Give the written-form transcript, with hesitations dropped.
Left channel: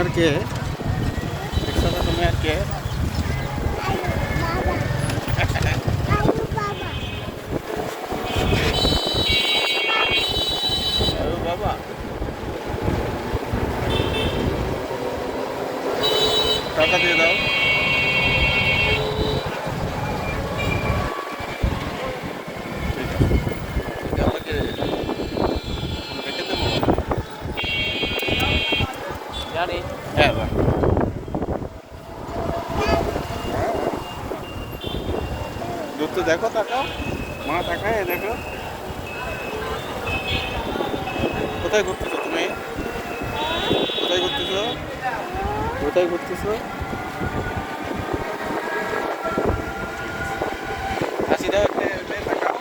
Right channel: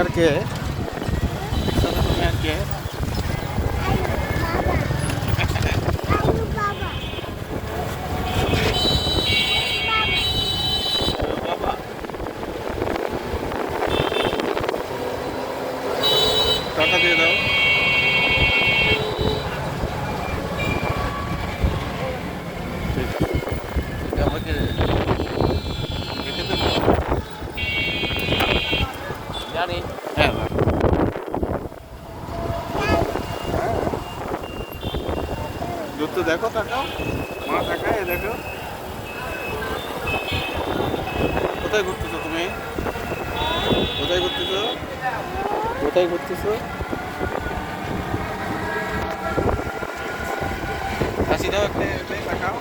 আর কে? তুমি আর কে? বাবা টাকা দিয়ে দাও। আমাকে রেখে দেবো। জানি। হ্যাঁ হ্যাঁ। ঘুরতে দেখো, তাকাও মা, তাকায় দেখো। কোথায় ঘুরতেছো তুমি? কোথায় ঘুরতেছো? কোথায় ঘুরতেছো? হাসি দাও একটা, তাকাও।